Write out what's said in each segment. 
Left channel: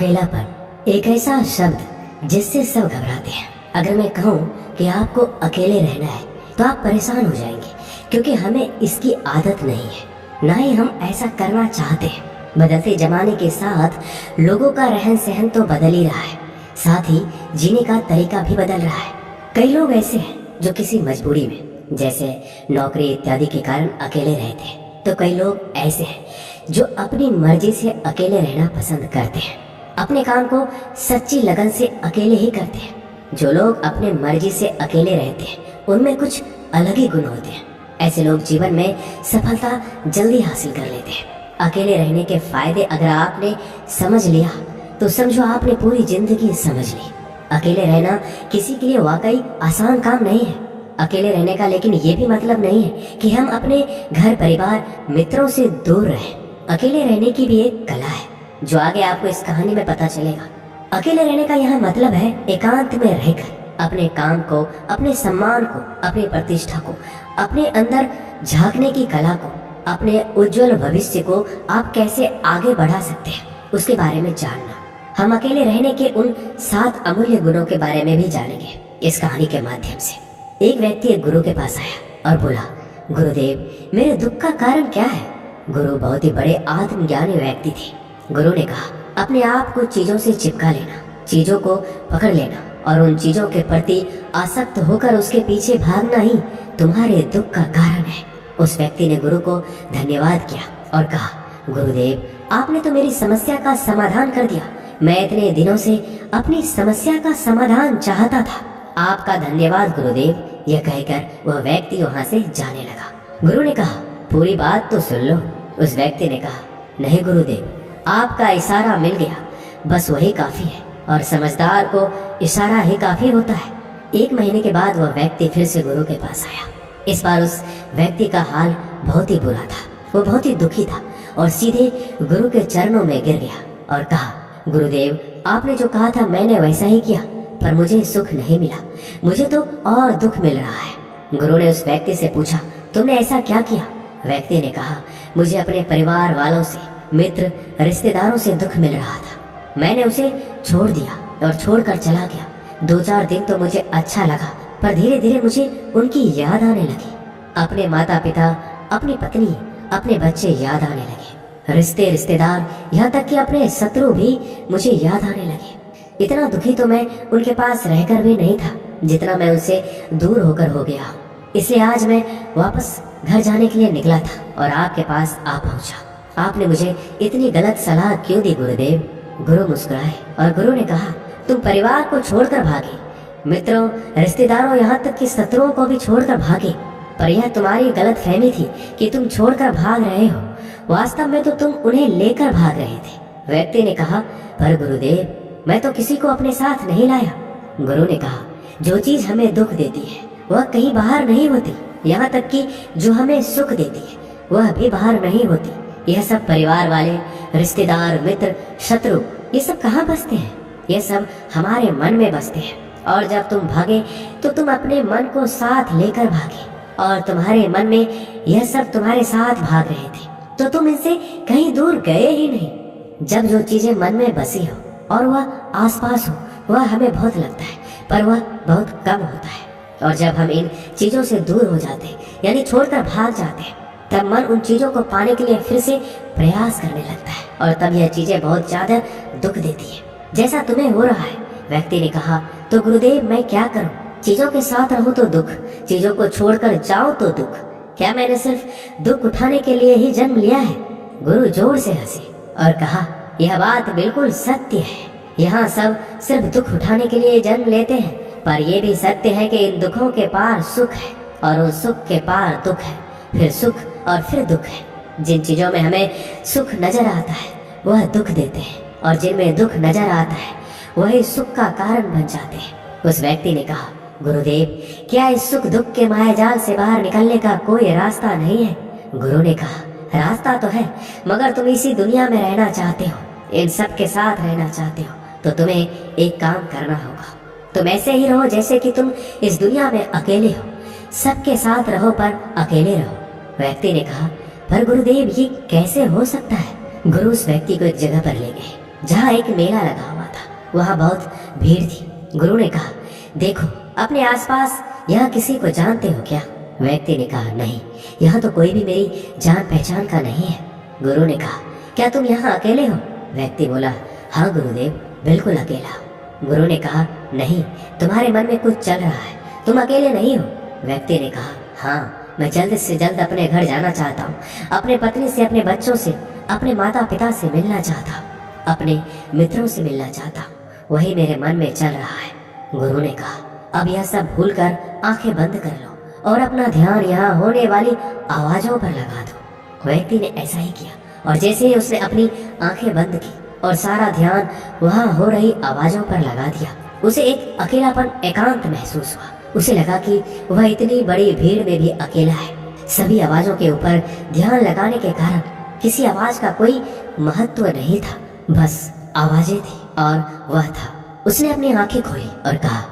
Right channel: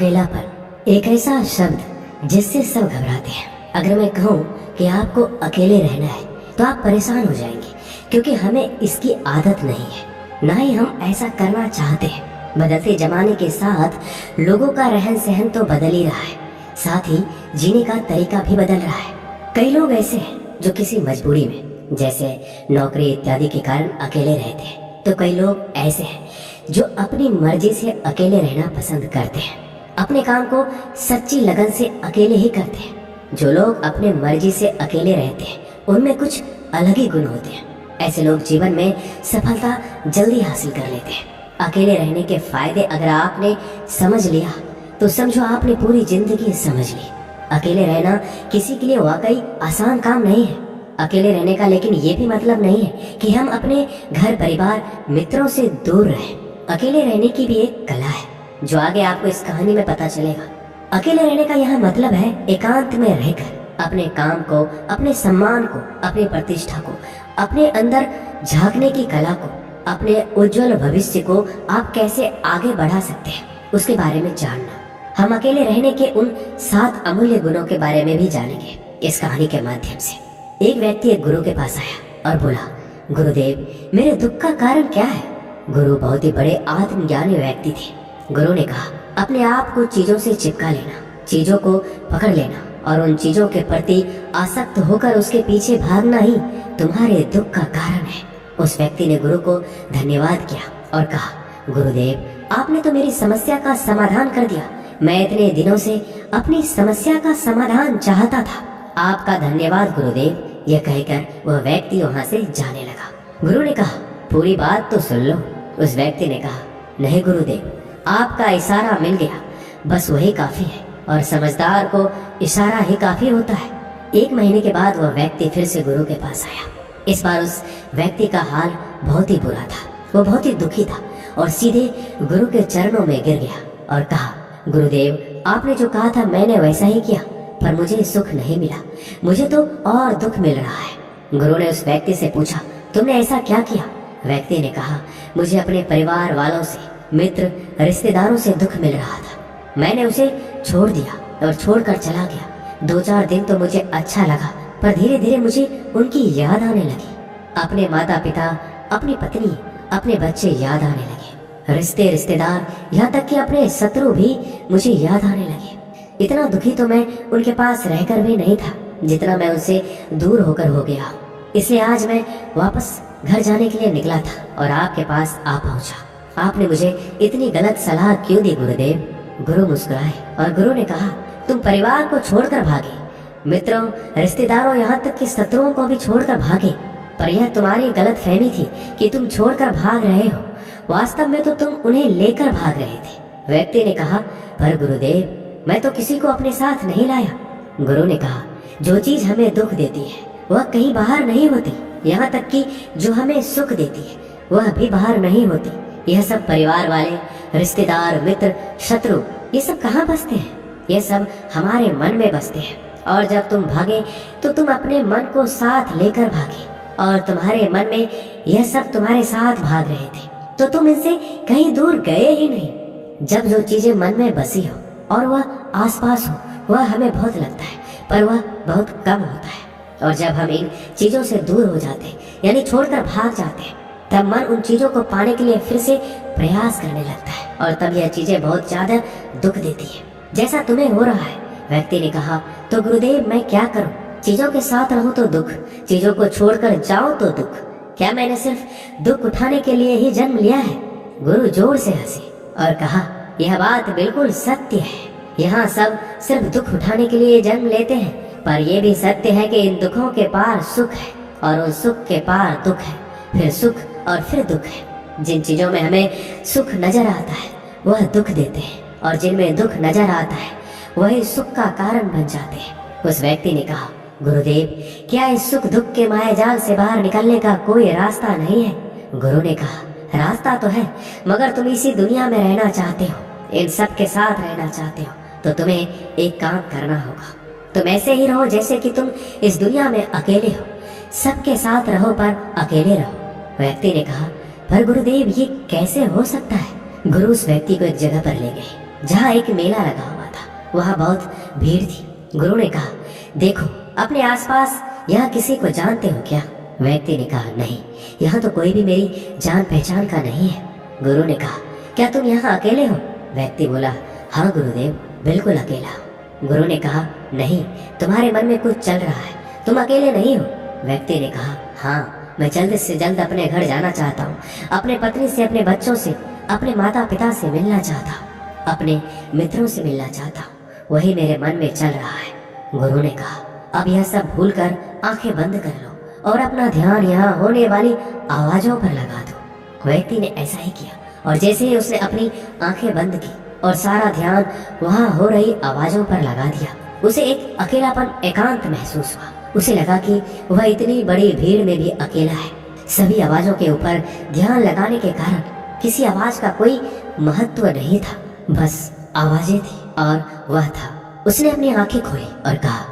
अकेलापन एक ऐसा शब्द जिससे सब घबराते हैं। अगर मैं कहूँ कि आपको अकेले रहना है तो आप परेशान हो जाएंगे, क्योंकि हमें इसकी आदत नहीं है, ना ही हम ऐसा करना चाहते हैं। बदलते जमाने के साथ लोगों का रहन सहन तो बदल ही रहा है, साथ ही जीने का तरीका भी बदल रहा है। कई लोग ऐसे हैं जो किसी मजबूरी में, जैसे नौकरी इत्यादि के कारण अकेले रहते हैं, तो कई लोग ऐसे हैं जो अपनी मर्जी से अकेले रहना पसंद करते हैं, अपने काम को सच्ची लगन से अकेले ही करते हैं। जो लोग अपने मर्जी से अकेले रहते हैं उनमें कुछ अलग ही गुण होते हैं। ऐसे लोग जीवन में सफलता जल्दी हासिल कर लेते हैं। अकेले रहने के फायदे अगर आपने समझ लिया तो समझो आपने पूरी जिंदगी समझ ली। अकेले रहना किसी के लिए वाकई आसान काम नहीं है। अकेले रहने का लेकिन ये भी मतलब नहीं है कि हम अपने घर परिवार मित्रों से दूर रहें। अकेले रहने की भी एक कला है जो आगे आपको इस कहानी में पता चलेगा। अकेले रहने का यहाँ मतलब है एकांत में रहकर अपने काम को, अपने सम्मान को, अपनी प्रतिष्ठा को, अपने अंदर झांकने की कला को, अपने उज्जवल भविष्य को आप कैसे आगे बढ़ा सकते हैं उसके बारे में जानना। हम अकेले रहने के उन 7 अमूल्य गुणों के बारे में भी जानेंगे इस कहानी के माध्यम से। एक व्यक्ति एक गुरु के पास आया और बोला, गुरुदेव, मेरे दुख का कारण क्या है? गुरु बहुत ही बड़े आत्मज्ञानी व्यक्ति थे। गुरु ने कहा, अपने आप को चीजों से चिपका लेना, चीजों को पकड़ लेना और उन चीजों के प्रति आसक्त होकर उसके पीछे भागना ही तुम्हारे दुख का कारण है। उस व्यक्ति ने गुरु को धन्यवाद किया और कहा, गुरुदेव, आपने तो मेरी समस्या का समाधान कर दिया। मैं इतने दिनों से अपनी समस्या का समाधान चाहता था। आपका धन्यवाद गुरुदेव। यह कहकर वह व्यक्ति वहां से जाने लगा। गुरु ने कहा, पूरी बात तो सुन लो। उस व्यक्ति ने कहा, नहीं गुरुदेव, आपका इशारा मिल गया, बस वही काफी है, और समझदार को इशारा ही काफी होता है। 1 महीने के बाद वह व्यक्ति फिर से गुरु के पास आया। इस बार उस व्यक्ति का हाल बहुत ही बुरा था। वो बहुत ही दुखी था और सीधे गुरु के चरणों में गिर गया और कहा, गुरुदेव, आपने जो कहा था मैंने वैसा ही किया, पर मुझे सुख नहीं मिला, मुझे तो और दुख मिल रहा है। गुरु ने उस व्यक्ति से पूछा, तुमने ऐसा क्या किया? व्यक्ति ने कहा, मुझे अपने परिवार वालों से, मित्र, रिश्तेदारों से दुख मिल रहा था। मैंने उसे छोड़ दिया और छोड़कर चला गया। 2-4 दिन तो मुझे अच्छा लगा, पर धीरे धीरे मुझे उनकी याद आने लगी। अपने माता पिता, अपनी पत्नी, अपने बच्चे याद आने लगे। रिश्तेदार, यहाँ तक कि अपने शत्रु भी मुझे याद आने लगे। इतना दुखी तो मैं उनके पास रहकर भी नहीं था जितना मैं उनसे दूर होकर हो गया। इसलिए आज मैं वापस घर जाने के लिए निकला था और आपके पास आ पहुंचा। आपने मुझे इतनी गलत सलाह क्यों दी गुरुदेव? गुरु मुस्कुराए और गुरु ने कहा, तुम परिवार को छोड़कर भागे, मित्रों, रिश्तेदारों, यहाँ तक कि शत्रुओं को भी छोड़कर भागे, पर यह तुम्हारी गलत फहमी थी कि तुम छोड़कर भाग रहे हो। वास्तव में तो तुम उन्हें लेकर भाग रहे थे। व्यक्ति ने कहा, पर गुरुदेव, मैं तो किसी को अपने साथ नहीं लाया। गुरु ने कहा, जो चीज हमें दुख देती है वह कहीं बाहर नहीं होती, यहाँ तक कि जो हमें सुख देती है वह भी बाहर नहीं होती। यह सब परिवार वाले, रिश्तेदार, मित्र, शत्रु, ये सब कहाँ बसते हैं? ये सब हमारे मन में बसते हैं। और जब तुम भागे तो तुम अपने मन को साथ लेकर भागे, और तुम्हारे मन में यह सब तुम्हारे साथ भाग रहे थे, तो तुम इनसे कहीं दूर गए ही नहीं। जब जो चीजें मन में बसी हो और वह आसपास हो, वह हमें बहुत लगता है, पर वह बहुत कम होता है। और जब हम इन चीजों से दूर हो जाते हैं, यानी छोड़कर भाग जाते हैं, तब मन उन चीजों को पाने के लिए फिर से प्रयास करने लगता है, और तब यह चीजें बहुत ज्यादा दुख देती है, जैसा तुम्हें हो रहा है। व्यक्ति ने कहा, तो गुरुदेव, मैं क्या करूं? चीजों के साथ रहूं तो दुख, चीजों को छोड़कर जाऊं तो दुख। क्या मैंने सिर्फ दुख उठाने के लिए ही जन्म लिया है? गुरु जोर से हंसे और कहा, यह बात बिल्कुल सत्य है। यहाँ सब सिर्फ दुख उठाने के लिए जन्म लेते हैं, पर यह भी सत्य है कि इन दुखों के पार सुख है, और उन सुख के पार दुख है, फिर सुख और फिर दुख है। जिन चीजों में हमें सुख नजर आता है वह दुख देते हैं, और जिनमें दुख नजर आता है वही सुख का कारण बन जाते हैं। उस व्यक्ति ने कहा, गुरुदेव, क्या इस सुख दुख के मायाजाल से बाहर निकलने का कोई रास्ता नहीं है? गुरु ने कहा, रास्ता तो है, मगर तुम इसी दुनिया में रहना चाहते हो, इन सब के साथ रहना चाहते हो, तो तुम्हें एक काम करना होगा। तुम ऐसे ही रहो जैसे कि तुम इस दुनिया में अकेले हो। सबके साथ रहो पर अकेले रहो। व्यक्ति ने कहा, पर गुरुदेव, ये कैसे हो सकता है? गुरु उस व्यक्ति को एक जगह पर ले गए जहाँ एक मेला लगा हुआ था। वहाँ बहुत भीड़ थी। गुरु ने कहा, देखो अपने आसपास यहाँ किसी को जानते हो क्या? व्यक्ति ने कहा, नहीं, यहाँ तो कोई भी मेरी जान पहचान का नहीं है। गुरु ने कहा, क्या तुम यहाँ अकेले हो? व्यक्ति बोला, हाँ गुरुदेव, बिल्कुल अकेला हूँ। गुरु ने कहा, नहीं, तुम्हारे मन में कुछ चल रहा है, तुम अकेले नहीं हो। व्यक्ति ने कहा, हाँ, मैं जल्द से जल्द अपने घर जाना चाहता हूँ, अपने पत्नी से, अपने बच्चों से, अपने माता पिता से मिलना चाहता हूँ, अपने मित्रों से मिलना चाहता हूँ, वही मेरे मन में चल रहा है। गुरु ने कहा, अब यह सब भूलकर आंखें बंद कर लो और अपना ध्यान यहाँ होने वाली आवाजों पर लगा दो। व्यक्ति ने ऐसा ही किया और जैसे ही उसने अपनी आंखें बंद की और सारा ध्यान वहाँ हो रही आवाजों पर लगा दिया, उसे एक अकेलापन, एकांत महसूस हुआ। उसे लगा कि वह इतनी बड़ी भीड़ में भी अकेला है। सभी आवाजों के ऊपर ध्यान लगाने के कारण किसी आवाज का कोई महत्व नहीं था, बस आवाजें थी और वह था। उसने अपनी आंखें खोली और कहा,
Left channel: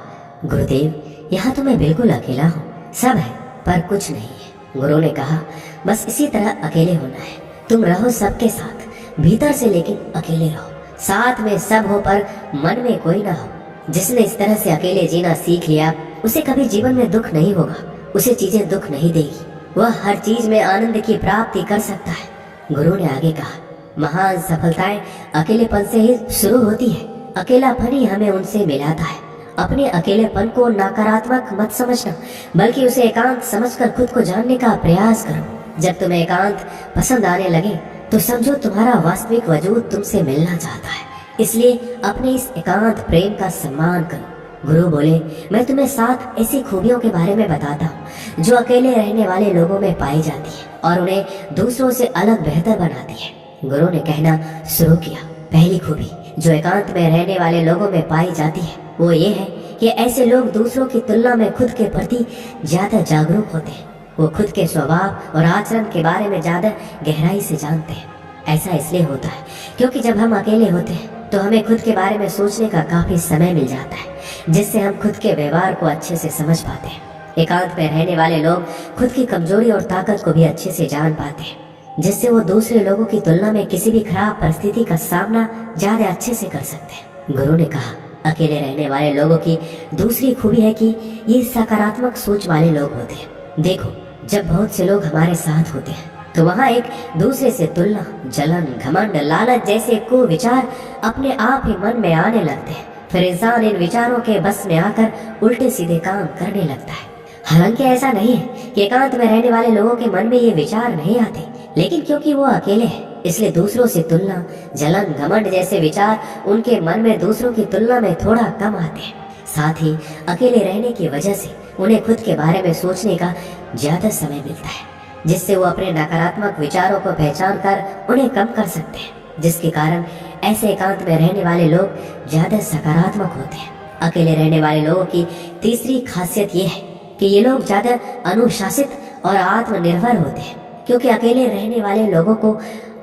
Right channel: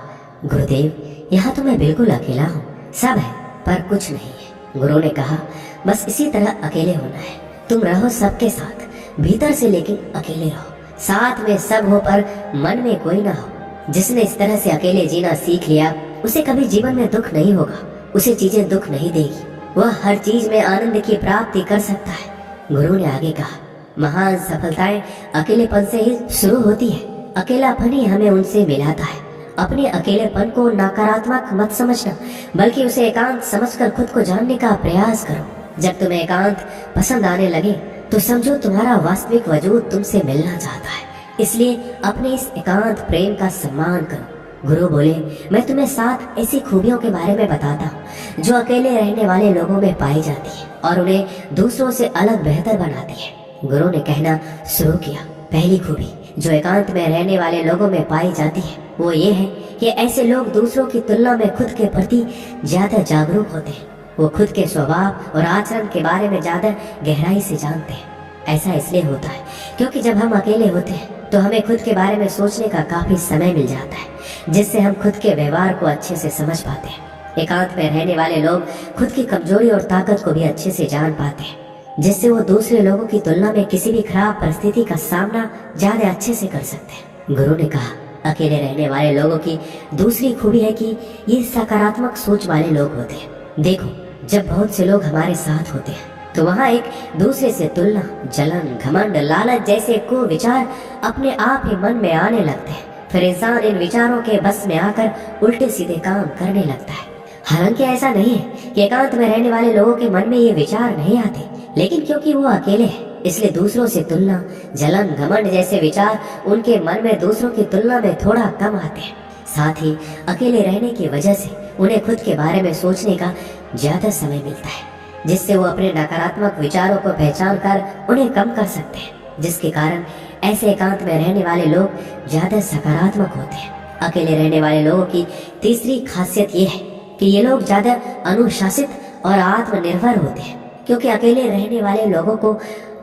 गुरुदेव, यहाँ तो मैं बिल्कुल अकेला हूँ, सब है पर कुछ नहीं है। गुरु ने कहा, बस इसी तरह अकेले होना है, तुम रहो सबके साथ, भीतर से लेकिन अकेले रहो, साथ में सब हो पर मन में कोई ना हो। जिसने इस तरह से अकेले जीना सीख लिया, उसे कभी जीवन में दुख नहीं होगा, उसे चीजें दुख नहीं देगी, वह हर चीज में आनंद की प्राप्ति कर सकता है। गुरु ने आगे कहा, महान सफलताएं अकेलेपन से ही शुरू होती है, अकेलापन ही हमें उनसे मिलाता है। अपने अकेलेपन को नकारात्मक मत समझना, बल्कि उसे एकांत समझकर खुद को जानने का प्रयास करो। जब तुम्हें एकांत पसंद आने लगे तो समझो तुम्हारा वास्तविक वजूद तुमसे मिलना चाहता है, इसलिए अपने इस एकांत प्रेम का सम्मान करो। गुरु बोले, मैं तुम्हें 7 ऐसी खूबियों के बारे में बताता हूँ जो अकेले रहने वाले लोगों में पाई जाती है और उन्हें दूसरों से अलग बेहतर बनाती है। गुरु ने कहना शुरू किया, पहली खूबी जो एकांत में रहने वाले लोगों में पाई जाती है वो ये है कि ऐसे लोग दूसरों की तुलना में खुद के प्रति ज्यादा जागरूक होते हैं। वो खुद के स्वभाव और आचरण के बारे में ज्यादा गहराई से जानते हैं। ऐसा इसलिए होता है क्योंकि जब हम अकेले होते हैं तो हमें खुद के बारे में सोचने का काफी समय मिल जाता है, जिससे हम खुद के व्यवहार को अच्छे से समझ पाते हैं। एकांत में रहने वाले लोग खुद की कमजोरी और ताकत को भी अच्छे से जान पाते हैं, जिससे वो दूसरे लोगों की तुलना में किसी भी खराब परिस्थिति का सामना ज्यादा अच्छे से कर सकते हैं। गुरु ने कहा, अकेले रहने वाले लोगों की दूसरी खूबी है कि ये सकारात्मक सोच वाले लोग होते हैं। देखो, जब बहुत से लोग हमारे साथ होते हैं तो वहाँ एक दूसरे से तुलना, जलन, घमंड, लालच जैसे कुविचार अपने आप ही मन में आने लगते हैं। फिर इंसान इन विचारों के बस में आकर उल्टे सीधे काम करने लगता है। हालांकि ऐसा नहीं है कि एकांत में रहने वाले लोगों के मन में ये विचार नहीं आते, लेकिन क्योंकि वो अकेले हैं इसलिए दूसरों से तुलना, जलन, घमंड जैसे विचार उनके मन में दूसरों की तुलना में थोड़ा कम आते हैं। साथ ही अकेले रहने की वजह से उन्हें खुद के बारे में सोचने का ज्यादा समय मिलता है, जिससे वो अपने नकारात्मक विचारों को पहचान कर उन्हें कम कर सकते हैं, जिसके कारण ऐसे एकांत में रहने वाले लोग ज्यादा सकारात्मक होते हैं। अकेले रहने वाले लोगों की तीसरी खासियत ये है कि ये लोग ज्यादा अनुशासित और आत्मनिर्भर होते हैं, क्योंकि अकेले रहने वाले लोगों को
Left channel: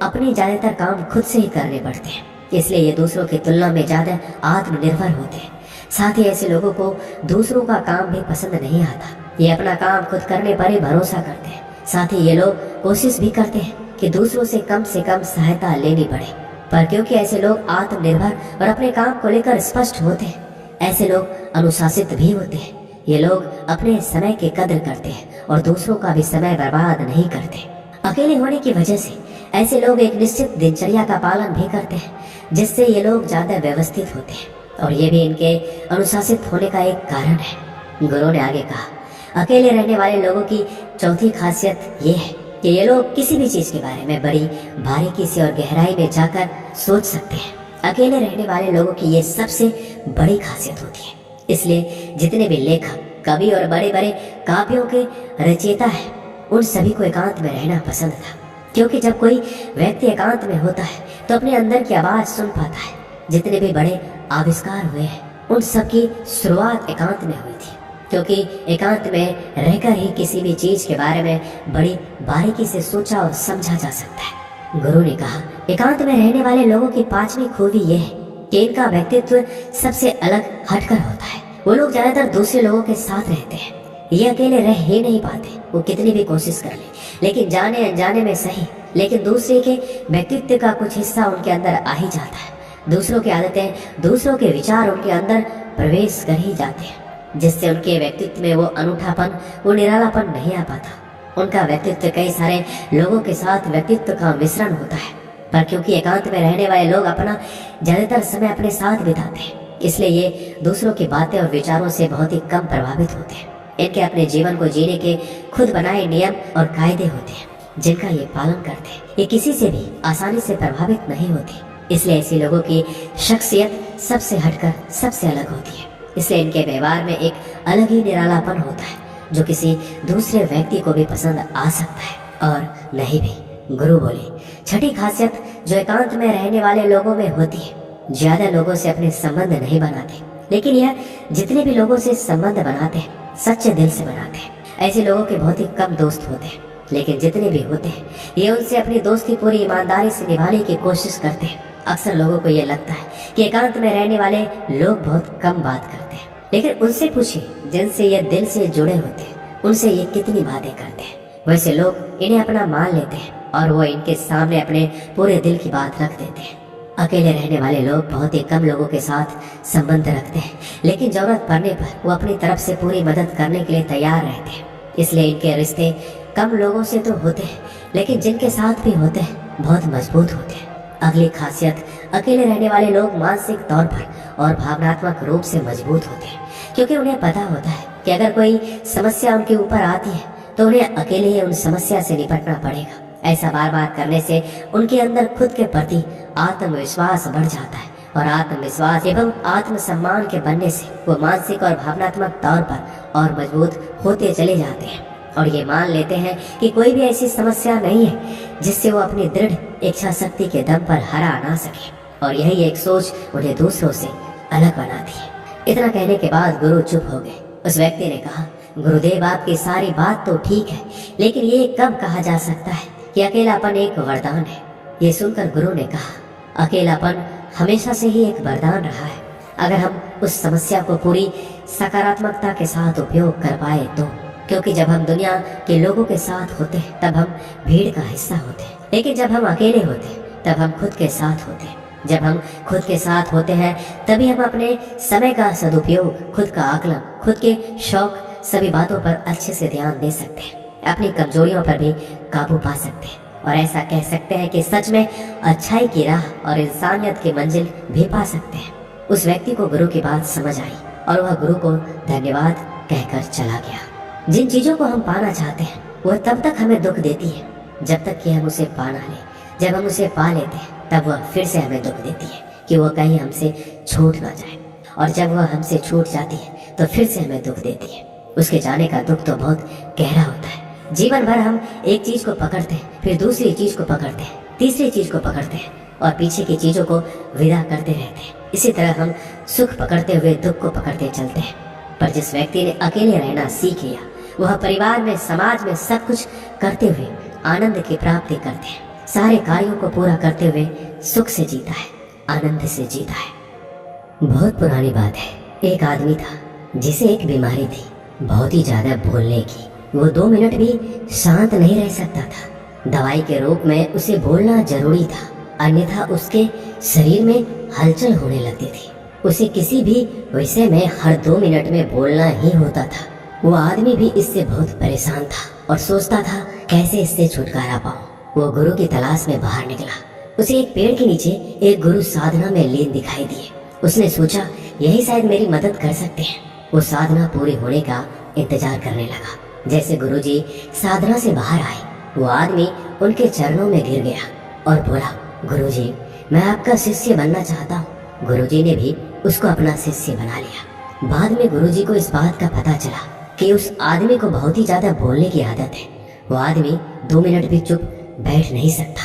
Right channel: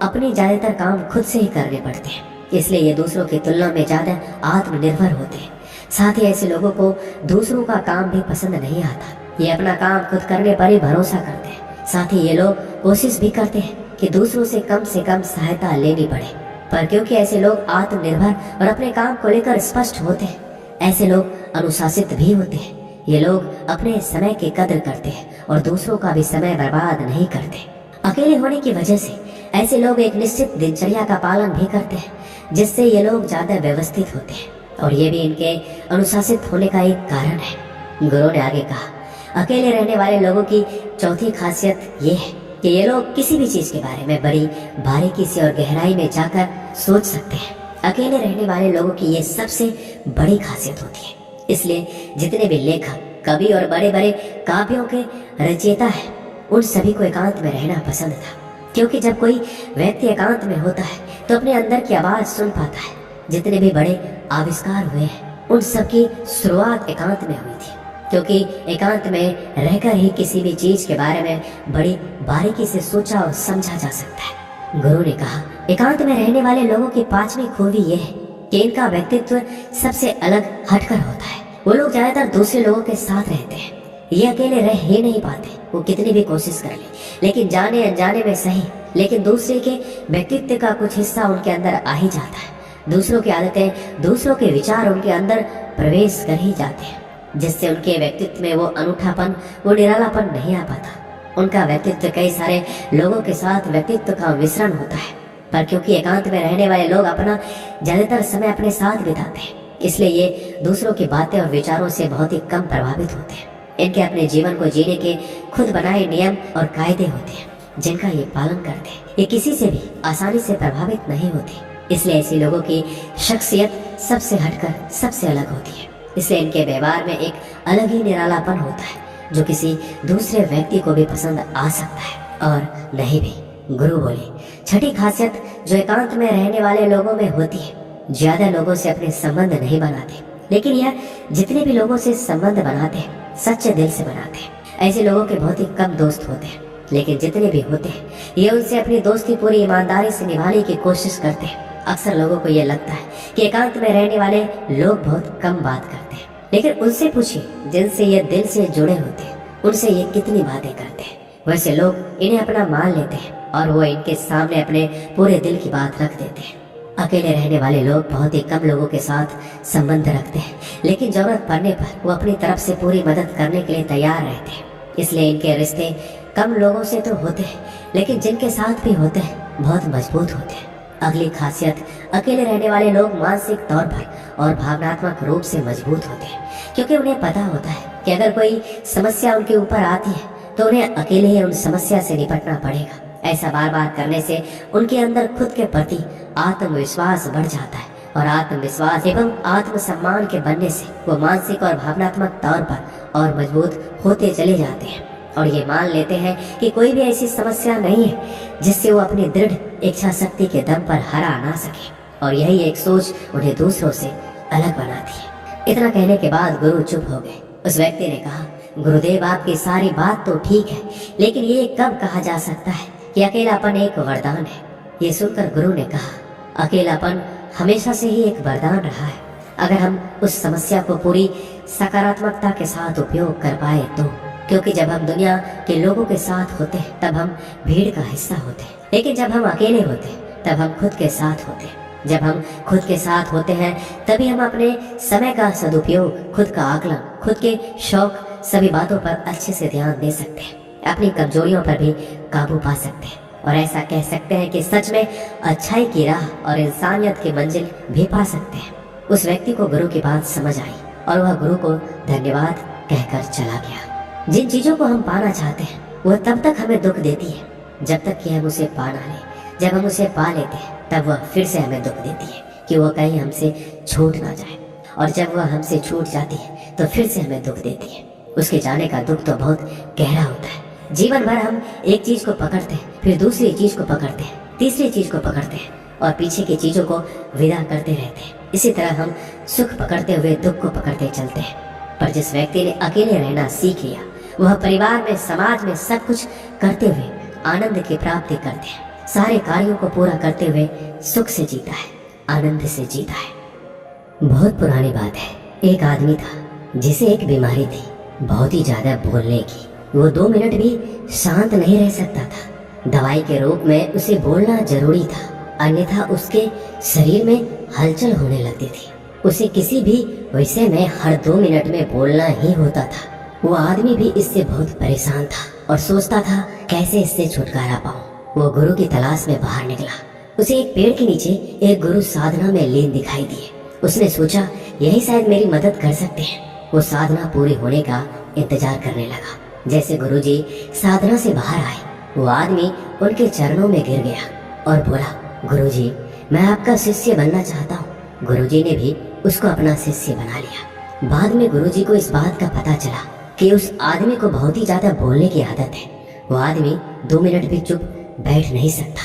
अपने ज्यादातर काम खुद से ही करने पड़ते हैं, इसलिए ये दूसरों की तुलना में ज्यादा आत्मनिर्भर होते हैं। साथ ही ऐसे लोगों को दूसरों का काम भी पसंद नहीं आता, ये अपना काम खुद करने पर ही भरोसा करते हैं। साथ ही ये लोग कोशिश भी करते हैं कि दूसरों से कम सहायता लेनी पड़े, पर क्योंकि ऐसे लोग आत्मनिर्भर और अपने काम को लेकर स्पष्ट होते हैं, ऐसे लोग अनुशासित भी होते हैं। ये लोग अपने समय की कद्र करते हैं और दूसरों का भी समय बर्बाद नहीं करते। अकेले होने की वजह से ऐसे लोग एक निश्चित दिनचर्या का पालन भी करते हैं, जिससे ये लोग ज्यादा व्यवस्थित होते हैं और ये भी इनके अनुशासित होने का एक कारण है। गुरु ने आगे कहा, अकेले रहने वाले लोगों की चौथी खासियत ये है कि ये लोग किसी भी चीज के बारे में बड़ी बारीकी से और गहराई में जाकर सोच सकते हैं। अकेले रहने वाले लोगों की ये सबसे बड़ी खासियत होती है, इसलिए जितने भी लेखक, कवि और बड़े बड़े काव्यों के रचयिता हैं, उन सभी को एकांत में रहना पसंद था, क्योंकि जब कोई व्यक्ति एकांत में होता है तो अपने अंदर की आवाज सुन पाता है। जितने भी बड़े आविष्कार हुए हैं उन सब की शुरुआत एकांत में हुई थी, क्योंकि एकांत में रहकर ही किसी भी चीज के बारे में बड़ी बारीकी से सोचा और समझा जा सकता है। गुरु ने कहा, एकांत में रहने वाले लोगों की 5वीं खूबी यह है कि इनका व्यक्तित्व सबसे अलग हटकर होता है। वो लोग ज्यादातर दूसरे लोगों के साथ रहते हैं, ये अकेले रह ही नहीं पाते, वो कितनी भी कोशिश कर ले, लेकिन जाने अनजाने में सही, लेकिन दूसरे के व्यक्तित्व का कुछ हिस्सा उनके अंदर आ ही जाता है। दूसरों की आदतें, दूसरों के विचार उनके अंदर प्रवेश कर ही जाते हैं, जिससे उनके व्यक्तित्व में वो अनूठापन, वो निरालापन नहीं आ पाता। उनका व्यक्तित्व कई सारे लोगों के साथ व्यक्तित्व का मिश्रण होता है, पर क्योंकि एकांत में रहने वाले लोग अपना ज्यादातर समय अपने साथ बिताते हैं, इसलिए ये दूसरों की बातें और विचारों से बहुत ही कम प्रभावित होते हैं। इनके अपने जीवन को जीने के खुद बनाए नियम और कायदे होते हैं, जिनका ये पालन करते हैं। ये किसी से भी आसानी से प्रभावित नहीं होते, इसलिए ऐसे लोगों की शख्सियत सबसे हटकर सबसे अलग होती है। इसलिए इनके व्यवहार में एक अलग ही निरालापन होता है, जो किसी दूसरे व्यक्ति को भी पसंद आ सकता है और नहीं भी। गुरु बोले, छठी खासियत जो एकांत में रहने वाले लोगों में होती है, ज्यादा लोगों से अपने संबंध नहीं बनाते, लेकिन यह जितने भी लोगों से संबंध बनाते हैं सच्चे दिल से बनाते हैं। ऐसे लोगों के बहुत ही कम दोस्त होते हैं, लेकिन जितने भी होते हैं ये उनसे अपनी दोस्ती पूरी ईमानदारी से निभाने की कोशिश करते हैं। अक्सर लोगों को ये लगता है कि एकांत में रहने वाले लोग बहुत कम बात करते हैं, लेकिन उनसे पूछिए जिनसे ये दिल से जुड़े होते हैं, उनसे ये कितनी बातें करते हैं। वैसे लोग इन्हें अपना मान लेते हैं और वो इनके सामने अपने पूरे दिल की बात रख देते हैं। अकेले रहने वाले लोग बहुत ही कम लोगों के साथ संबंध रखते हैं, लेकिन जरूरत पड़ने पर वो अपनी तरफ से पूरी मदद करने के लिए तैयार रहते हैं। इसलिए इनके रिश्ते कम लोगों से तो होते हैं, लेकिन जिनके साथ भी होते हैं बहुत मजबूत होते हैं। अगली खासियत, अकेले रहने वाले लोग मानसिक तौर पर और भावनात्मक रूप से मजबूत होते हैं, क्योंकि उन्हें पता होता है कि अगर कोई समस्या उनके ऊपर आती है तो उन्हें अकेले ही उन समस्या से निपटना पड़ेगा। ऐसा बार बार करने से उनके अंदर खुद के प्रति आत्मविश्वास बढ़ जाता है, और आत्मविश्वास एवं आत्मसम्मान के बनने से वो मानसिक और भावनात्मक तौर पर और मजबूत होते चले जाते हैं, और ये मान लेते हैं कि कोई भी ऐसी समस्या नहीं है जिससे वो अपनी दृढ़ इच्छा शक्ति के दम पर हरा ना सके, और यही एक सोच उन्हें दूसरों से अलग बनाती है। इतना कहने के बाद गुरु चुप हो गए। उस व्यक्ति ने कहा, गुरुदेव आपकी सारी बात तो ठीक है, लेकिन ये कब कहा जा सकता है कि अकेलापन एक वरदान है। ये सुनकर गुरु ने कहा, अकेलापन हमेशा से ही एक वरदान रहा है, अगर हम उस समस्या को पूरी सकारात्मकता के साथ उपयोग कर पाए तो। क्योंकि जब हम दुनिया के लोगों के साथ होते हैं तब हम भीड़ का हिस्सा होते हैं, लेकिन जब हम अकेले होते हैं तब हम खुद के साथ होते हैं। जब हम खुद के साथ होते हैं तभी हम अपने समय का सदुपयोग, खुद का आकलन, खुद के शौक, सभी बातों पर अच्छे से ध्यान दे सकते हैं, अपनी कमजोरियों पर भी काबू पा सकते हैं, और ऐसा कह सकते हैं कि सच में अच्छाई की राह और इंसानियत की मंजिल भी पा सकते हैं। उस व्यक्ति को गुरु की बात समझ आई और वह गुरु को धन्यवाद कहकर चला गया। जिन चीजों को हम पाना चाहते हैं वह तब तक हमें दुख देती है जब तक कि हम उसे पा ना लें। जब हम उसे पा लेते हैं तब वह फिर से हमें दुख देती है कि वह कहीं हमसे छूट ना जाए, और जब वह हमसे छूट जाती है तो फिर से हमें दुख देती है। उसके जाने का दुख तो बहुत गहरा होता है। जीवन भर हम एक चीज को पकड़ते हैं, फिर दूसरी चीज को पकड़ते हैं, तीसरी चीज को पकड़ते हैं, और पीछे की चीजों को विदा करते रहते हैं। इसी तरह हम सुख पकड़ते हुए दुख को पकड़ते चलते हैं। पर जिस व्यक्ति ने अकेले रहना सीख लिया, वह परिवार में, समाज में सब कुछ करते हुए आनंद की प्राप्ति करते हैं। सारे कार्यों को पूरा करते हुए सुख से जीता है, आनंद से जीता है। बहुत पुरानी बात है, एक आदमी था जिसे एक बीमारी थी, बहुत ही ज्यादा बोलने की। वो 2 मिनट भी शांत नहीं रह सकता था। दवाई के रूप में उसे बोलना जरूरी था, अन्यथा उसके शरीर में हलचल होने लगती थी। उसे किसी भी विषय में हर 2 मिनट में बोलना ही होता था। वो आदमी भी इससे बहुत परेशान था और सोचता था कैसे इससे छुटकारा पाऊं। वो गुरु की तलाश में बाहर निकला। उसे एक पेड़ के नीचे एक गुरु साधना में लीन दिखाई दिए। उसने सोचा यही शायद मेरी मदद कर सकते हैं। वो साधना पूरी होने का इंतजार करने लगा। जैसे गुरुजी साधना से बाहर आए, वो आदमी उनके चरणों में गिर गया और बोला, गुरुजी मैं आपका शिष्य बनना चाहता हूँ। गुरुजी ने भी उसको अपना शिष्य बना लिया। बाद में गुरुजी को इस बात का पता चला कि उस आदमी को बहुत ही ज्यादा बोलने की आदत है। वो आदमी 2 मिनट भी चुप बैठ नहीं सकता।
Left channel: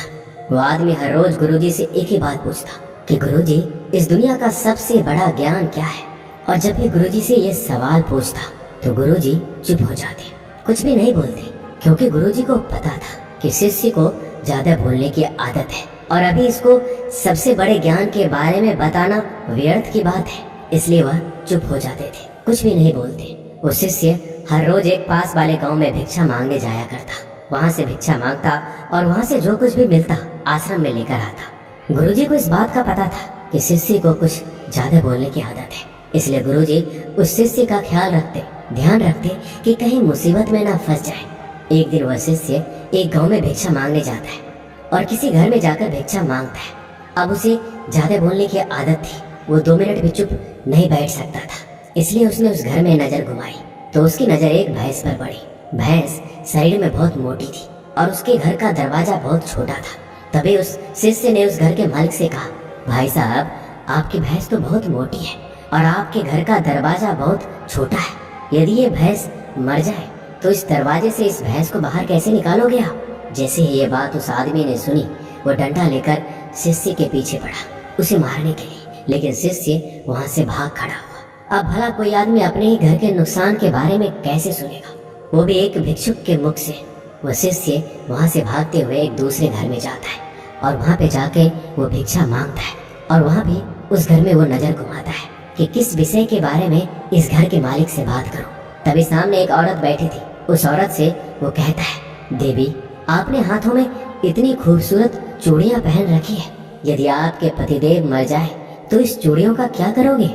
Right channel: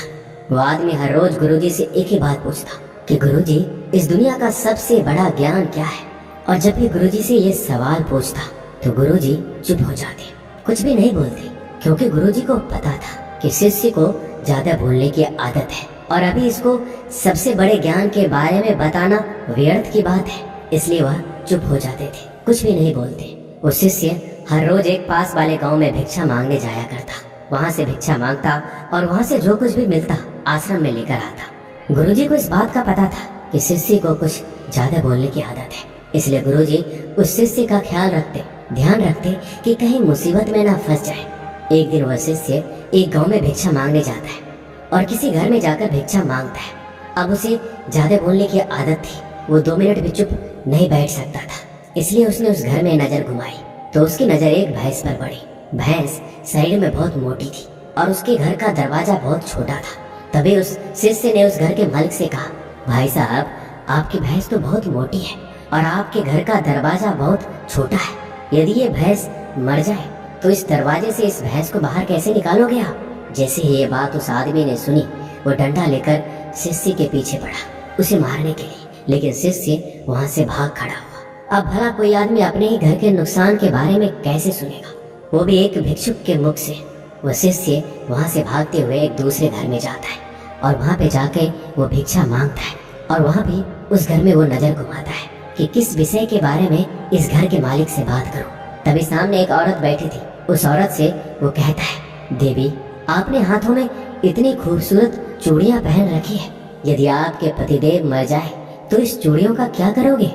वो आदमी हर रोज गुरुजी से एक ही बात पूछता कि गुरुजी इस दुनिया का सबसे बड़ा ज्ञान क्या है। और जब भी गुरुजी से ये सवाल पूछता तो गुरुजी चुप हो जाते, कुछ भी नहीं बोलते, क्योंकि गुरुजी को पता था कि शिष्य को ज्यादा बोलने की आदत है और अभी इसको सबसे बड़े ज्ञान के बारे में बताना व्यर्थ की बात है। इसलिए वह चुप हो जाते थे, कुछ भी नहीं बोलते। वो शिष्य हर रोज एक पास वाले गांव में भिक्षा मांगने जाया करता। वहाँ से भिक्षा मांगता और वहाँ से जो कुछ भी मिलता आश्रम में लेकर आता। गुरुजी को इस बात का पता था कि शिष्य को कुछ ज्यादा बोलने की आदत है, इसलिए गुरुजी उस शिष्य का ध्यान रखते कि कहीं मुसीबत में ना फंस जाए। एक दिन वह शिष्य एक गांव में भिक्षा मांगने जाता है और किसी घर में जाकर भिक्षा मांगता है। अब उसे ज्यादा बोलने की आदत थी, वो 2 मिनट भी चुप नहीं बैठ सकता था, इसलिए उसने उस घर में नजर घुमाई तो उसकी नजर एक भैंस पर पड़ी। भैंस शरीर में बहुत मोटी थी और उसके घर का दरवाजा बहुत छोटा था। तभी उस शिष्य ने उस घर के मालिक से कहा, भाई साहब, आपकी भैंस तो बहुत मोटी है और आपके घर का दरवाजा बहुत छोटा है। यदि ये भैंस मर जाए तो इस दरवाजे से इस भैंस को बाहर कैसे निकालोगे आप? जैसे ही ये बात उस आदमी ने सुनी, वो डंडा लेकर शिष्य के पीछे पड़ा उसे मारने के लिए, लेकिन शिष्य वहां से भाग खड़ा हुआ। अब भला कोई आदमी अपने ही घर के नुकसान के बारे में कैसे सुनेगा, वो भी एक भिक्षुक के मुख से। वह शिष्य वहां से भागते हुए एक दूसरे घर में जाता है और वहां पे जाके वो भिक्षा मांगता है और वहां भी उस घर में वो नजर घुमाता है कि किस विषय के बारे में इस घर के मालिक से बात करूं। तभी सामने एक औरत बैठी थी। उस औरत से वो कहता है, देवी, आपने हाथों में इतनी खूबसूरत चूड़ियां पहन रखी है, यदि आपके पतिदेव मर जाए तो इस चूड़ियों का क्या करोगे?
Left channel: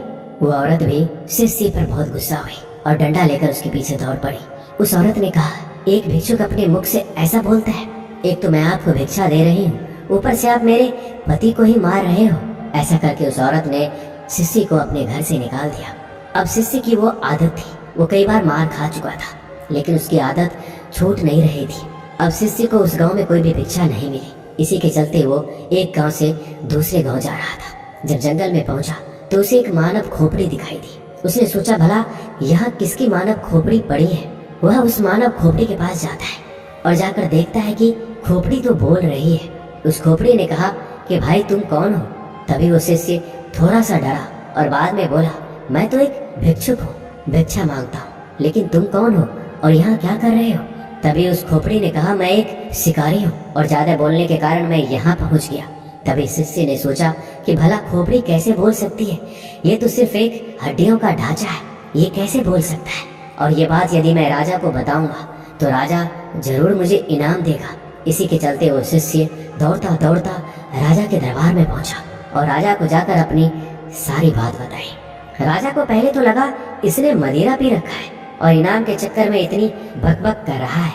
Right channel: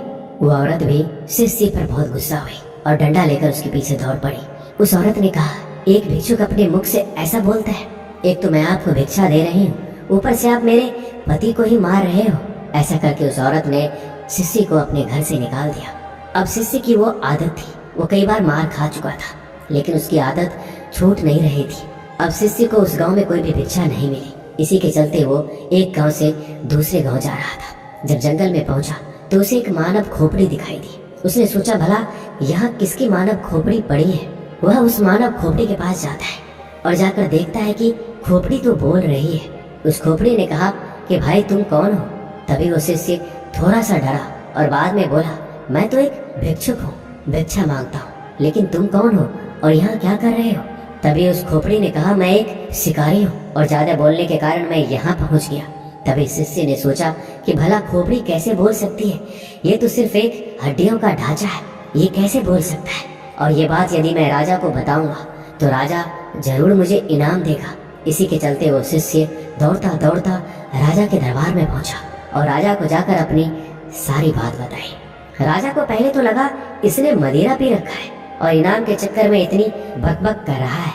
वो औरत भी शिष्य पर बहुत गुस्सा हुई और डंडा लेकर उसके पीछे दौड़ पड़ी। उस औरत ने कहा, एक भिक्षुक अपने मुख से ऐसा बोलता है? एक तो मैं आपको भिक्षा दे रही हूँ, ऊपर से आप मेरे पति को ही मार रहे हो। ऐसा करके उस औरत ने शिष्य को अपने घर से निकाल दिया। अब शिष्य की वो आदत थी, वो कई बार मार खा चुका था, लेकिन उसकी आदत छूट नहीं रही थी। अब शिष्य को उस गांव में कोई भी भिक्षा नहीं मिली। इसी के चलते वो एक गांव से दूसरे गांव जा रहा था। जब जंगल में पहुंचा तो उसे एक मानव खोपड़ी दिखाई दी। उसने सोचा, भला यहाँ किसकी मानव खोपड़ी पड़ी है। वह उस मानव खोपड़ी के पास जाता है और जाकर देखता है कि खोपड़ी तो बोल रही है। उस खोपड़ी ने कहा कि भाई, तुम कौन हो? तभी वो शिष्य थोड़ा सा डरा और बाद में बोला, मैं तो एक भिक्षुक हूँ, भिक्षा मांगता हूँ, लेकिन तुम कौन हो और यहाँ क्या कर रहे हो? तभी उस खोपड़ी ने कहा, मैं एक शिकारी हूँ और ज्यादा बोलने के कारण मैं यहाँ पहुँच गया। तभी शिष्य ने सोचा कि भला खोपड़ी कैसे बोल सकती है, ये तो सिर्फ एक हड्डियों का ढांचा है, ये कैसे बोल सकता है? और ये बात यदि मैं राजा को बताऊंगा तो राजा जरूर मुझे इनाम देगा। इसी के चलते वो शिष्य दौड़ता दौड़ता राजा के दरबार में पहुंचा और राजा को जाकर अपनी सारी बात बताई। राजा को पहले तो लगा इसने मदिरा पी रखा है और इनाम के चक्कर में इतनी बकबक कर रहा है।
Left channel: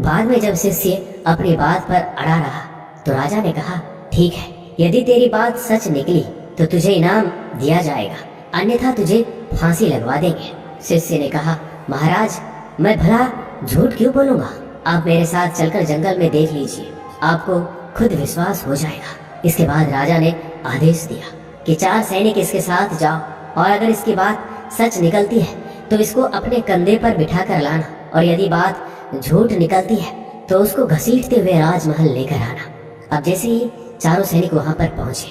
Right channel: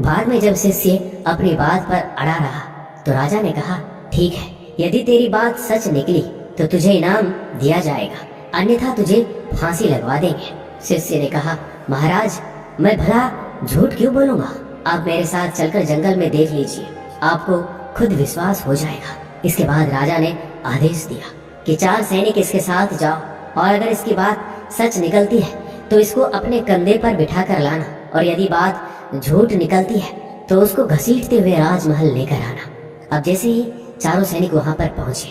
बाद में जब शिष्य अपनी बात पर अड़ा रहा तो राजा ने कहा, ठीक है, यदि तेरी बात सच निकली तो तुझे इनाम दिया जाएगा, अन्यथा तुझे फांसी लगवा देंगे। शिष्य ने कहा, महाराज, मैं भला झूठ क्यों बोलूंगा? आप मेरे साथ चलकर जंगल में देख लीजिए, आपको खुद विश्वास हो जाएगा। इसके बाद राजा ने आदेश दिया कि 4 सैनिक इसके साथ जाओ और अगर इसकी बात सच निकलती है तो इसको अपने कंधे पर बिठा कर लाना, और यदि बात झूठ निकलती है तो उसको घसीटते हुए राजमहल लेकर आना। अब जैसे ही चारों सैनिक वहां पर पहुंचे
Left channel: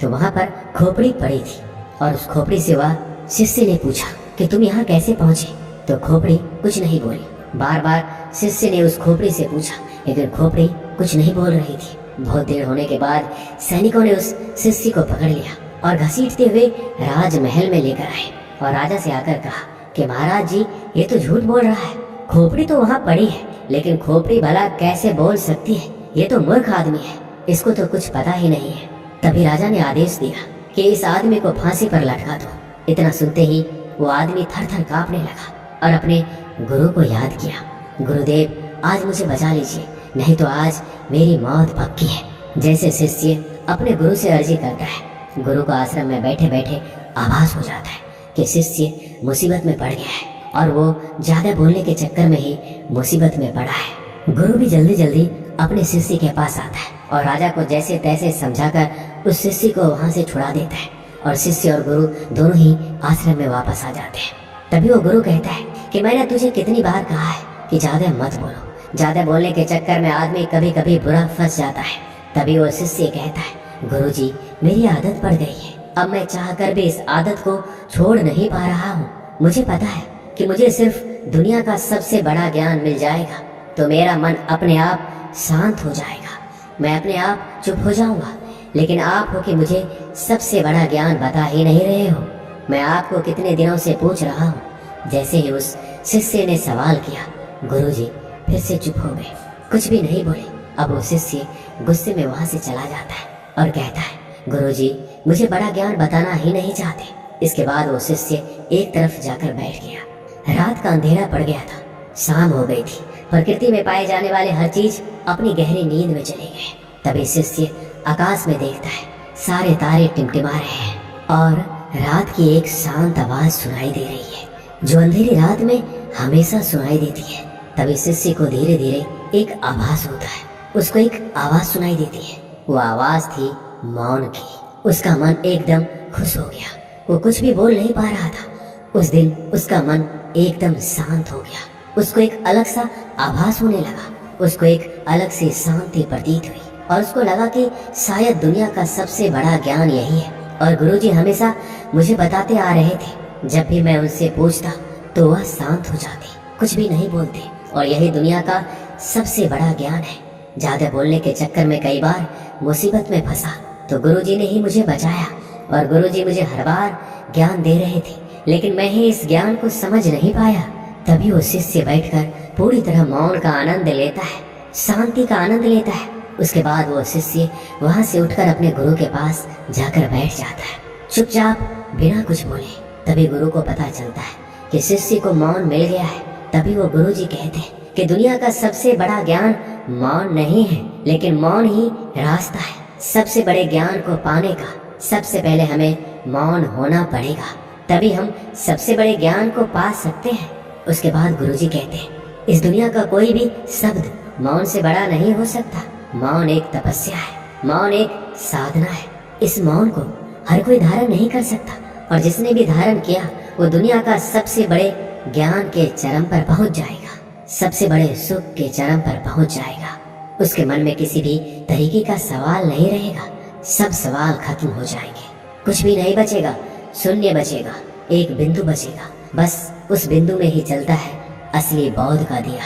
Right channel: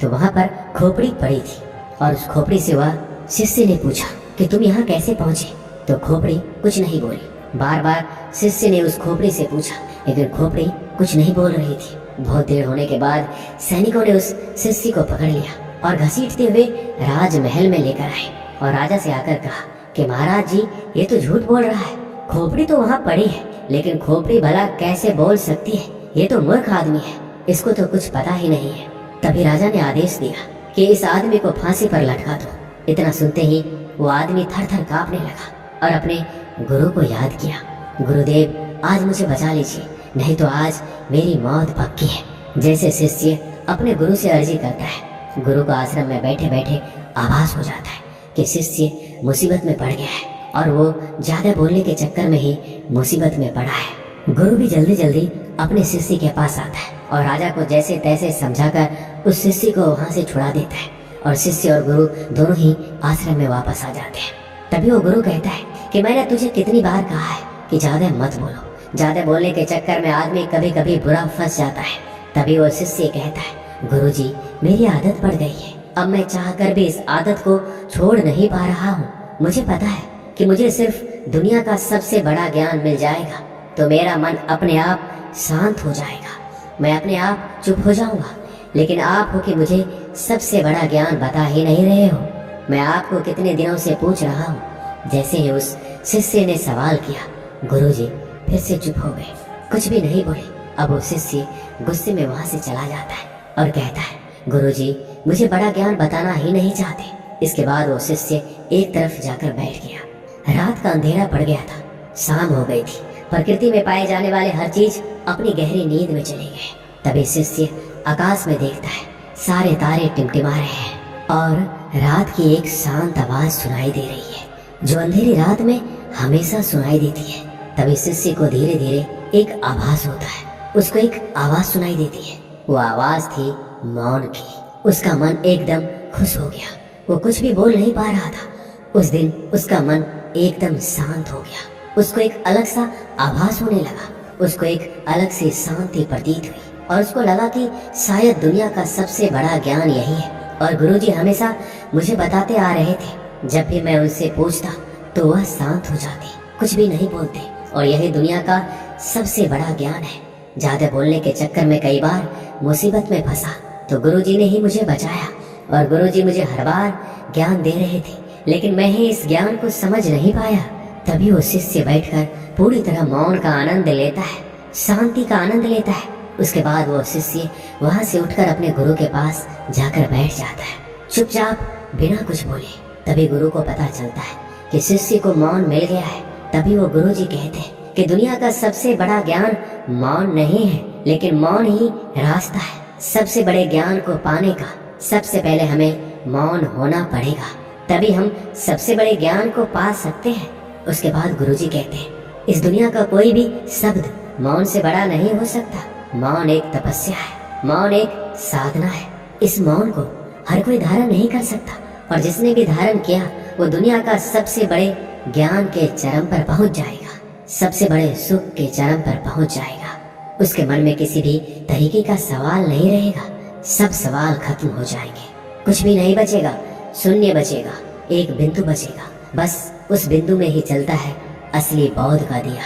तो वहां पर खोपड़ी पड़ी थी और उस खोपड़ी से वह शिष्य ने पूछा कि तुम यहाँ कैसे पहुंचे? तो खोपड़ी कुछ नहीं बोली। बार बार शिष्य ने उस खोपड़ी से पूछा, लेकिन खोपड़ी कुछ नहीं बोल रही थी। बहुत देर होने के बाद सैनिकों ने उस शिष्य को पकड़ लिया और घसीटते हुए राजमहल में लेकर आए और राजा से आकर कहा कि महाराज जी, ये तो झूठ बोल रहा है, खोपड़ी तो वहाँ पड़ी है, लेकिन खोपड़ी भला कैसे बोल सकती है? ये तो मूर्ख आदमी है, इसको तो कुछ पता ही नहीं है। तभी राजा ने आदेश दिया कि इस आदमी को फांसी पर लटका दो। इतना सुनते ही वो आदमी थर थर कांपने लगा और अपने गुरु को याद किया, गुरुदेव, आज मुझे बचा लीजिए, नहीं तो आज मेरी मौत पक्की है। जैसे शिष्य अपने गुरु से अर्जी करता है, गुरु को आश्रम में बैठे बैठे आभास हो जाता है कि शिष्य मुसीबत में पड़ गया है और वो ज्यादा बोलने के चक्कर में ही मुसीबत में पड़ा है। गुरु भी जल्दी जल्दी अपने शिष्य के पास आता है और राजा को जैसे तैसे समझाकर उस शिष्य को वहां से छुड़ा देता है और शिष्य और गुरु दोनों ही आश्रम में वापस आ जाते हैं। तभी वो गुरु कहता है कि मैंने तुझे कितनी बार कहा है कि ज्यादा मत बोलो, ज्यादा बोलने के चक्कर में आदमी कभी कभी बुरा फंस जाता है। तभी वो शिष्य कहता है, गुरुजी, मेरी आदत पड़ गई है, अब मैं चाहकर भी इस आदत को छोड़ नहीं पा रहा हूँ। मुझे पता है कि मुझे सिर्फ दुनिया का सबसे बड़ा ज्ञान मिल जाएगा तो मेरा मन अपने आप शांत हो जाएगा, मैं अपने आप चुप हो जाऊंगा, लेकिन आप हो कि मुझे सबसे बड़ा ज्ञान बता ही नहीं रहे हो। मैं आपको कितने दिनों से पूछ रहा हूँ। जैसे ही उस शिष्य ने सवाल किया, गुरुजी फिर से चुप हो गए, कुछ भी नहीं बोले। अब वो शिष्य गुस्से में वहां से चला जाता है और कहता है, गुरुजी, मुझे बड़ा ज्ञान बताना ही नहीं चाहते। इसके बाद वो शिष्य एक तरफ जाकर बैठ गया। रात का अंधेरा पड़ गया था, शाम हो गई थी। प्रकृति में पाए जाने वाले हर चीज अपनी गहरी नींद में चले गए। तभी शिष्य आकाश में देखता है, सारे तारे टिमटिमा रहे हैं और रात की एक शांत आवाज सुनाई दे रही है, जो अंधेरी रात में हमेशा सुनाई देती है। तभी शिष्य को धीरे धीरे एक आभास होता है, उसको एक आवाज सुनाई देती है। वो आवाज थी मौन की। उसका मन एकदम खुश हो गया। वो कुछ भी बोल नहीं पा रहा था। उस दिन उसका मन एकदम शांत हो गया। उसको एक अलग सा आभास होने लगा। उसको एक अलग सी शांति प्रतीत हुई और उसको लगा कि शायद दुनिया का सबसे बड़ा ज्ञान यही है। और गुरुजी हमेशा मुझे बताते आ रहे थे, जब भी मैं उनसे पूछता तो वह शांत हो जाते, कुछ भी नहीं बोलते। और यही दुनिया का सबसे बड़ा ज्ञान है। ज्यादा बोलने के चक्कर में कई बार मुसीबत में फंसा तो गुरुजी ने ही मुझे बचाया। और गुरुजी मुझे हर बार ज्ञान दे रहे थे, लेकिन मैं ही इस ज्ञान को समझ नहीं पाया। तभी वो शिष्य बैठकर पूरी तरह मौन का आनंद लेता है, शांति का आनंद लेता है। उसके बाद वो शिष्य वहां से उठकर अपने गुरु के पास जाकर बैठ जाता है, चुपचाप बिना कुछ बोले। तभी गुरु को पता चलता है कि शिष्य को मौन मिल गया है। तभी वो गुरुजी कहते हैं कि दुनिया का सबसे बड़ा ज्ञान मौन नहीं है, लेकिन मौन ही रास्ता है। सबसे बड़े ज्ञान को पाने का सबसे पहले हमें मौन होना पड़ेगा, तभी हम सबसे बड़े ज्ञान को पा सकते हैं। उसके बाद गुरुजी कहते हैं, इस दुनिया का कोई भी शब्द मौन से बड़ा नहीं हो सकता। मौन एक तपस्या है, मौन एक साधना है। इस मौन को हर कोई धारण नहीं कर सकता, और जिसने भी धारण किया वो दुनिया का सबसे बड़े ज्ञान के चरम पर पहुंच जाएगा, सबसे बड़े सुख के चरम पर पहुंच जाएगा। उसके मन में किसी भी तरीके का सवाल नहीं रहेगा, सब सवाल खत्म हो जाएंगे, कुछ भी नहीं बचेगा, शून्य बचेगा, एक बिंदु बचेगा। बस उस बिंदु में ही चलता है असली बौद्ध का दिया।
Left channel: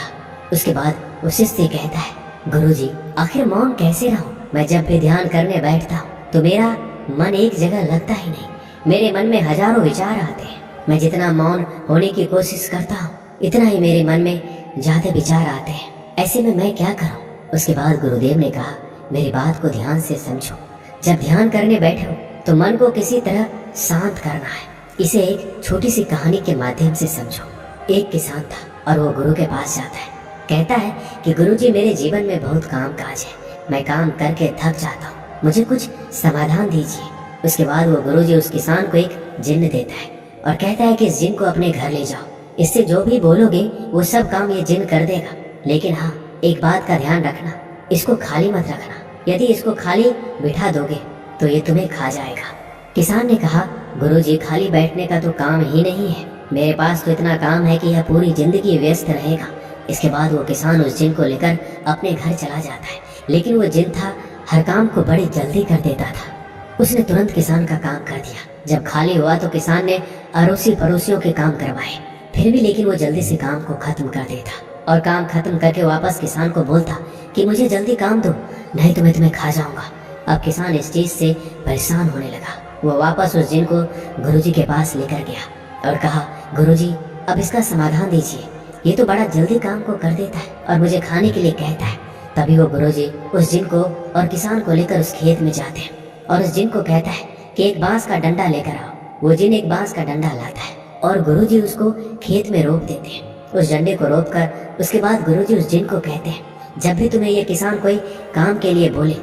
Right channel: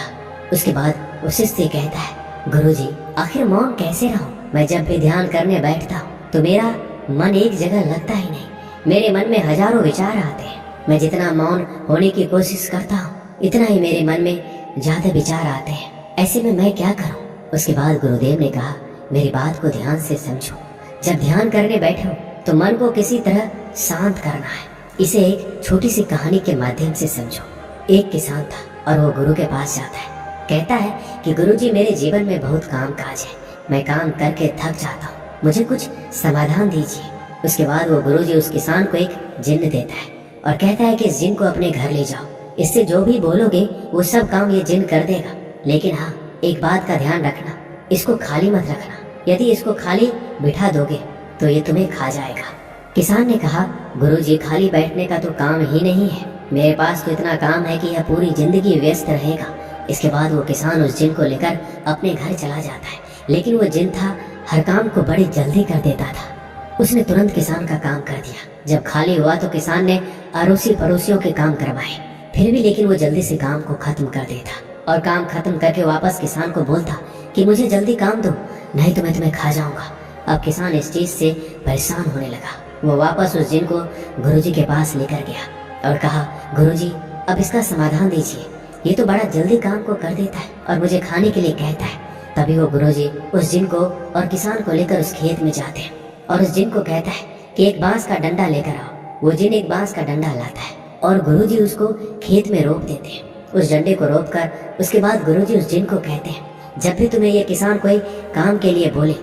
उसके बाद वो शिष्य कहता है, गुरुजी आखिर मौन कैसे रहूं? मैं जब भी ध्यान करने बैठता हूँ तो मेरा मन एक जगह लगता ही नहीं। मेरे मन में हजारों विचार आते हैं। मैं जितना मौन होने की कोशिश करता हूँ, इतना ही मेरे मन में ज्यादा विचार आते हैं। ऐसे में मैं क्या करूँ? उसके बाद गुरुदेव ने कहा, मेरी बात को ध्यान से समझो। जब ध्यान करने बैठे हो तो मन को किसी तरह शांत करना है। इसे एक छोटी सी कहानी के माध्यम से समझो। एक किसान था और वो गुरु के पास जाता है। कहता है कि गुरुजी मेरे जीवन में बहुत काम काज है, मैं काम करके थक जाता हूँ, मुझे कुछ समाधान दीजिए। उसके बाद वो गुरुजी उस किसान को एक जिन्न देता है और कहता है कि इस जिन्न को अपने घर ले जाओ, इससे जो भी बोलोगे वो सब काम ये जिन्न कर देगा। लेकिन हाँ, एक बात का ध्यान रखना, इसको खाली मत रखना। यदि इसको खाली बिठा दोगे तो ये तुम्हें खा जाएगा। किसान ने कहा, गुरुजी खाली बैठने का तो काम ही नहीं है, मेरे पास तो इतना काम है कि यह पूरी जिंदगी व्यस्त रहेगा। इसके बाद वो किसान उस जिन्न को लेकर अपने घर चला जाता है। लेकिन वो जिन्न था, हर काम को बड़ी जल्दी कर देता था। उसने तुरंत किसान का काम कर दिया। जब खाली हुआ तो किसान ने अड़ोसी पड़ोसियों के काम करवाए, फिर भी लेकिन वो जल्दी से काम को खत्म कर देता और काम खत्म करके वापस किसान को बोलता कि मुझे जल्दी काम दो, नहीं तो मैं तुम्हें खा जाऊंगा। अब किसान इस चीज से परेशान होने लगा। वो वापस उस जिन्न को गुरुजी के पास लेकर गया और कहा, गुरुजी अब इसका समाधान दीजिए, ये तो बड़ा जल्दी काम को कर देता है और मुझे खाने के लिए कहता है। तभी वो गुरुजी उस जिन्न को और किसान को लेकर उस खेत में जाते हैं और उस जिन्न को कहता है कि एक बांस का डंडा लेकर आओ। वो जिन्न एक बांस का डंडा लाता है और गुरुजी उसको खेत में रोप देते हैं। उस डंडे को रोप कर उसके बाद गुरुजी उस जिन्न को कहते हैं, जब भी तुम्हें ये किसान कोई काम के लिए बोले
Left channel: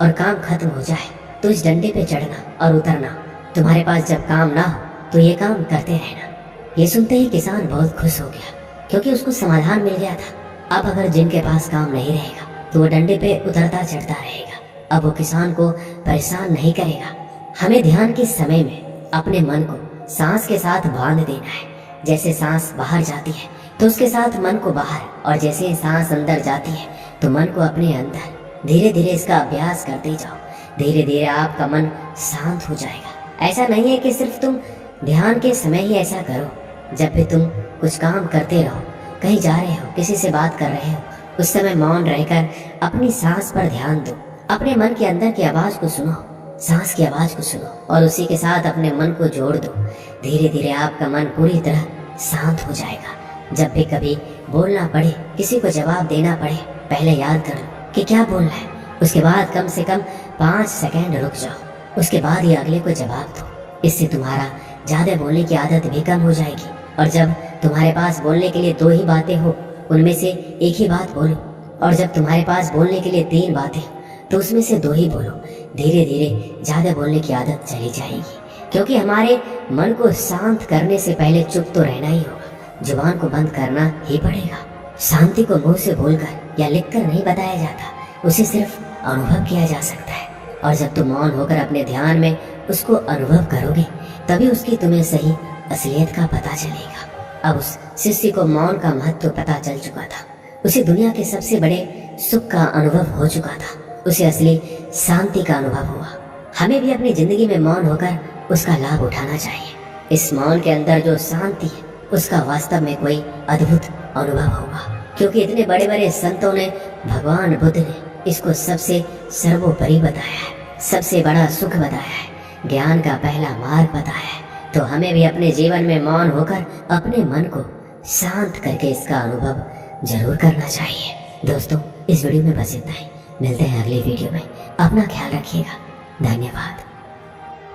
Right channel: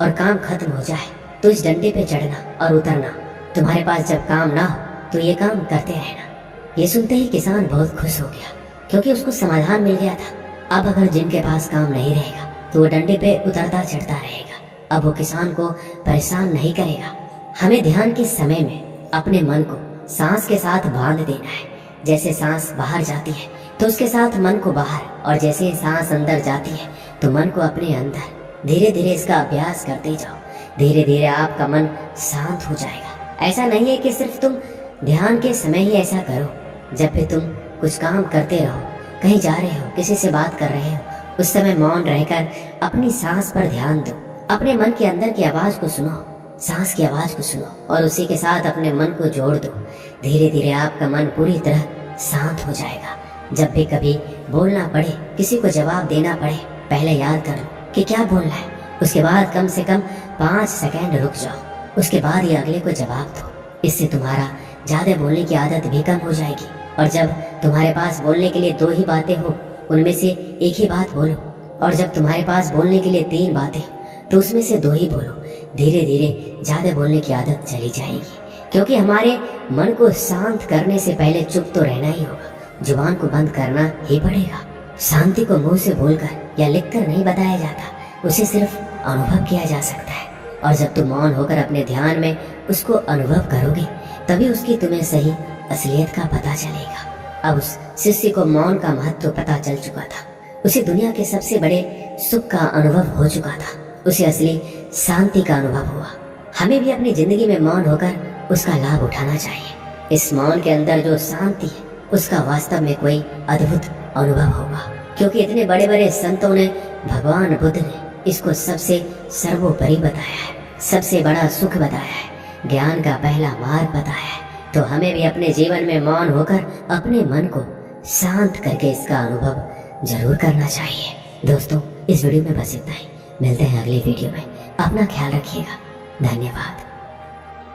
और काम खत्म हो जाए तो इस डंडे पे चढ़ना और उतरना। तुम्हारे पास जब काम ना हो तो ये काम करते रहना। ये सुनते ही किसान बहुत खुश हो गया, क्योंकि उसको समाधान मिल गया था। अब अगर जिन के पास काम नहीं रहेगा तो वो डंडे पे उतरता चढ़ता रहेगा। अब वो किसान को परेशान नहीं करेगा। हमें ध्यान के समय में अपने मन को सांस के साथ बांध देना है। जैसे सांस बाहर जाती है तो उसके साथ मन को बाहर, और जैसे सांस अंदर जाती है तो मन को अपने अंदर। धीरे धीरे इसका अभ्यास करते जाओ, धीरे धीरे आपका मन शांत हो जाएगा। ऐसा नहीं है कि सिर्फ तुम ध्यान के समय ही ऐसा करो। जब भी तुम कुछ काम करते रहो, कहीं जा रहे हो, किसी से बात कर रहे हो, उस समय मौन रहकर अपनी सांस पर ध्यान दो। अपने मन के अंदर की आवाज को सुनो, सांस की आवाज को सुनो और उसी के साथ अपने मन को जोड़ दो। धीरे धीरे आपका मन पूरी तरह शांत हो जाएगा। जब भी कभी बोलना पड़े, किसी को जवाब देना पड़े, पहले याद कर लो कि क्या बोलना है। उसके बाद कम से कम 5 सेकंड रुक जाओ उसके बाद ही अगले को जवाब दो। इससे तुम्हारा ज्यादा बोलने की आदत भी कम हो जाएगी। और जब तुम्हारे पास बोलने के लिए 2 ही बातें हो, उनमें से 1 ही बात बोलो। और जब तुम्हारे पास बोलने के लिए 3 बातें तो उसमें से 2 ही बोलो। धीरे धीरे ज्यादा बोलने की आदत चली जाएगी, क्योंकि हमारे मन को शांत करने से पहले चुप तो रहना ही होगा, जुबान को बंद करना ही पड़ेगा। शांति को मुंह से बोलकर या लिखकर नहीं बताया जाता, उसे सिर्फ अनुभव किया जा सकता है। और जब तुम मौन होकर अपने ध्यान में उसको अनुभव करोगे, तभी उसकी तुम्हें सही असलियत का पता चलेगा। अब उस शिष्य को मौन का महत्व पता चल चुका था। उसे दुनिया के सबसे बड़े सुख का अनुभव हो चुका था। उसे असली शांति का अनुभव हुआ। हमें भी अपनी जिंदगी में मौन होकर उसका लाभ उठाना चाहिए। इस मौन के अंदर जो शांति है, उसका वास्तव में कोई अद्भुत अनुभव होगा, क्योंकि इतने बड़े बड़े संतों ने, भगवान बुद्ध ने इसको सबसे सर्वोपरि बताया है, सबसे बड़ा सुख बताया है, ज्ञान का पहला मार्ग बताया है। तो हमें भी अपने जीवन में मौन होकर अपने मन को शांत करके इसका अनुभव जरूर करना चाहिए। दोस्तों, इस वीडियो में बस इतना ही। मिलते हैं अगली वीडियो में। अपना ख्याल रखिएगा। धन्यवाद।